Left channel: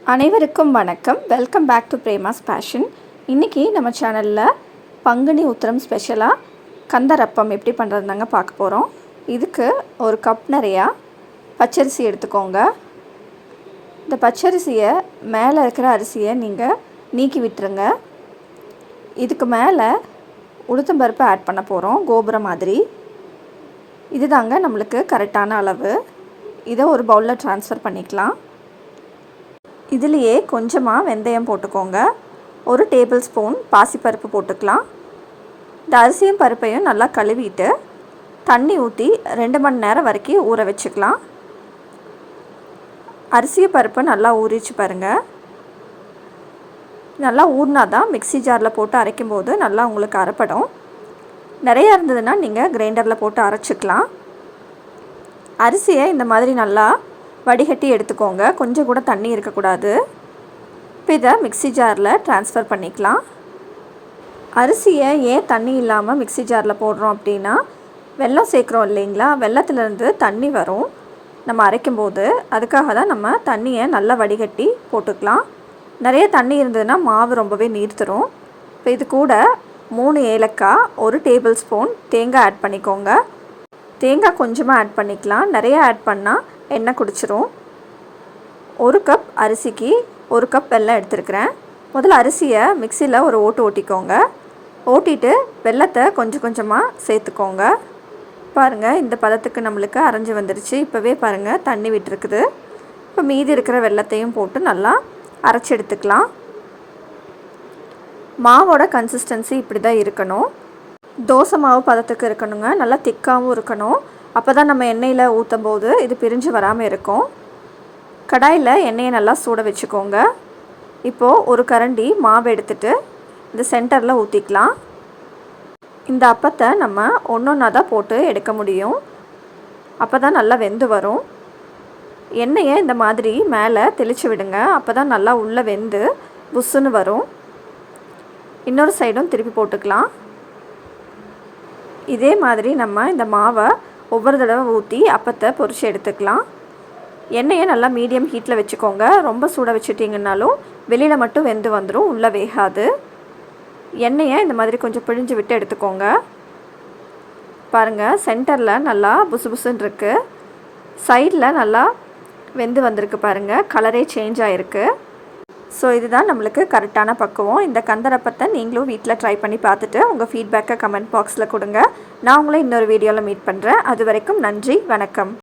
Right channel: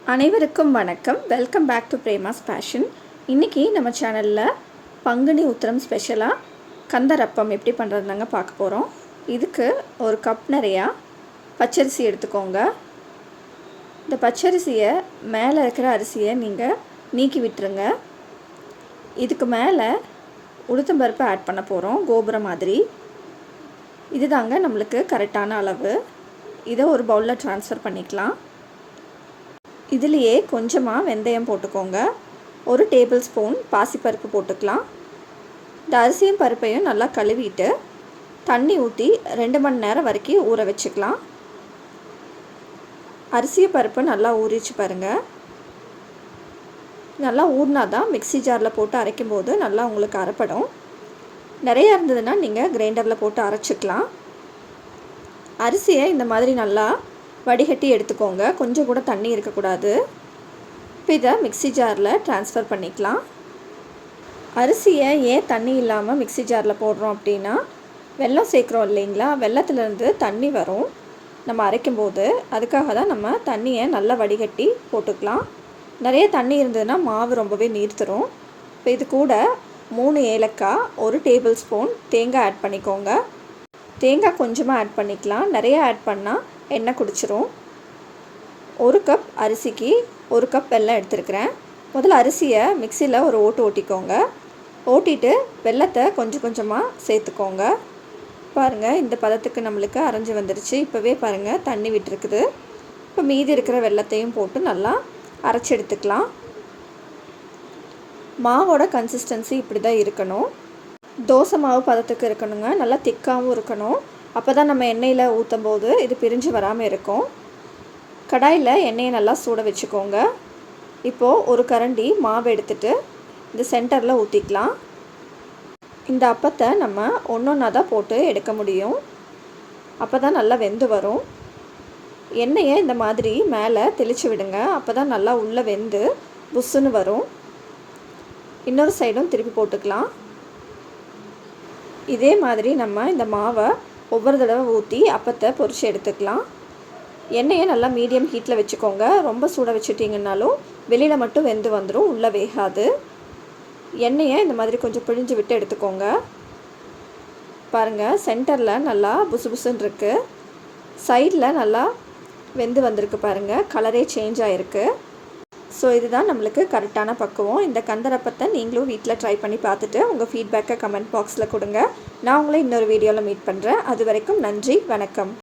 அனைவருக்கும் வணக்கம். Welcome back to Prema's passion. இன்றைக்கி நம்ம சேனலில் பங்குனி உத்திரம் ஸ்பெஷலாக கந்தரப்பம் எப்படி பண்ணுறதுனாங்க பார்க்க போகிறோம். இதுக்கு ஒரு கப் நிறையா பச்சரிசி எடுத்துக்கோங்க. இந்த பச்சரிசியை மேலே இருக்கிற அரிசியை நீங்கள் நீக்கி விட்டுருங்க. இதுக்கு மேலே உளுத்தம்பருப்பு ஆட் பண்ண போகிறோம், கோபுரம் மாதிரி. இது தாங்க நம்மளுக்கு கரெக்டான அளவு. இதை ஒரு பவுலில் ட்ரான்ஸ்ஃபர் பண்ணிக்கலாம். இதுலேயே கொஞ்சமாக வெந்தயம் போட்டுக்கோங்க. ஒரு டேபிள் ஸ்பூன் பாசிப்பருப்பு போட்டுக்கலாம். இந்த அரிசியும் பருப்பையும் நல்லா கழுவிட்டு தண்ணி ஊற்றி 2 மணி நேரம் வரைக்கும் ஊற வச்சுக்கலாம். அரிசி பருப்பு நல்லா ஊறிச்சு பாருங்கள். நல்லா ஊறினா தான் மிக்ஸி ஜாரில் போட்டு அரைக்கும்போது நல்லா உங்களுக்கு அரைப்படும். நிறையா இருந்ததுன்னா நீங்கள் கிரைண்டரில் போட்டு அரைச்சிக்கலாம். அரிசியை இந்த மாதிரி நல்லா வடிகட்டி எடுத்துக்கோங்க. கொஞ்சம் கூட தண்ணி இருக்கக்கூடாது. இப்போ இதை மிக்ஸி ஜாரில் ட்ரான்ஸ்ஃபர் பண்ணிக்கலாம். அரிசியை ஏன் தண்ணி இல்லாமல் மிக்ஸி ஜாரில் போடுறோம் அப்படின்னா, வெல்லம் சேர்க்குறோம் இல்லைங்களா, வெல்லத்துலேருந்து தண்ணி வரும் நம்ம அரைக்கும்போது. அதுக்காக தான் நம்ம தண்ணியை நல்லா வடிகட்டி போட்டுக்கலாம். நிறைய தண்ணி இருந்ததுன்னா மாவு ரொம்பவே நீர்த்துரும். இப்போ இது கூட 3 ஏலக்காய், 1 டேபிள் ஸ்பூன் தேங்காய் ஆட் பண்ணிக்கோங்க. தேங்காய் கொஞ்சமாக ஆட் பண்ணிக்கலாம். நிறைய ஆட் பண்ணால் எண்ணெய் குடிச்சிரும். 1 கப் அரிசிக்கு 1 கப் வெல்லம் எடுத்துருக்கிறேன். முதல்ல அரிசியை மிக்சியில் ஒரு ஓட்டு ஓட்டிக்கோங்க. ஓட்டிட்டு வெல்லத்தை கொஞ்சம் கொஞ்சமாக சேர்த்துக்கோங்க. பாருங்கள், இந்த பதத்துக்கு நம்மளுக்கு அரைஞ்சி வந்துடுச்சு. இப்போவே பாருங்கள் தண்ணி விட்டுருக்குது. இப்போ மீதி இருக்கிற வெல்லத்தையும் போட்டு நல்லா அரைச்சி எடுத்துக்கலாம். மாவோட கன்சிஸ்டன்சி இப்படி தான் இருக்கணும். தோசை மாவு பதத்துக்கு இருக்கணுங்க. நல்லா திக்காகவும் இருக்கணும். அப்போ தான் நம்ம எண்ணெயில் ஊற்றும் போது இது பிரிஞ்சு வராமல் இருக்கும். கடாயில் எண்ணெயை நல்லா சூட வச்சுக்கோங்க. இப்போது ஒரு கரண்டி மாவு எடுத்துகிட்டு இந்த சென்டரில் ஊற்றிக்கலாம். இந்த அப்பத்தை நம்ம ஒன்றா தான் போட்டு எடுக்க முடியும். அப்போ தான் நல்லா வெந்து வரும். எண்ணெயை இந்த மாதிரி மேலே தெளித்து விடுங்க. அப்போ தான் நல்லா உள்ளே வெந்து புஸ்ஸுன்னு வரும். இன்னொரு சைடும் திருப்பி போட்டுக்கலாம். இதே மாதிரி நம்ம இந்த மாவை ஒவ்வொரு தடவை ஊற்றி அப்பத்தை பொரித்து எடுத்துக்கலாம். எண்ணெயை நல்லா மீடியம் ஹீட்டில் வச்சுக்கோங்க. ரொம்ப சூட வச்சுட்டிங்கன்னாலும் வெளியில் மட்டும் வெந்து வந்துடும், உள்ளே வேகாது. எண்ணெயை இந்த மாதிரி கொஞ்சம் பிழிஞ்சு விட்டு எடுத்துக்கோங்க. பாருங்கள், சென்டரில் நல்லா புசு புசுன்னு இருக்குது. சைடில் நல்லா வெந்து வந்திருக்கு பாருங்கள். கலரே சேஞ்ச் ஆகிருக்கு. ஸோ இதுதான் நம்மளுக்கு கரெக்டான பக்குவம். இந்த கந்தரப்பத்தை நீங்களும் வீட்டில் ட்ரை பண்ணி பார்த்துட்டு உங்கள் ஃபீட்பேக்கை கமெண்ட் பாக்ஸில் கொடுங்க. நான் உங்களை இன்னொரு வீடியோவில் மீட் பண்ணுறேன். அது வரைக்கும் நன்றி, வணக்கம்.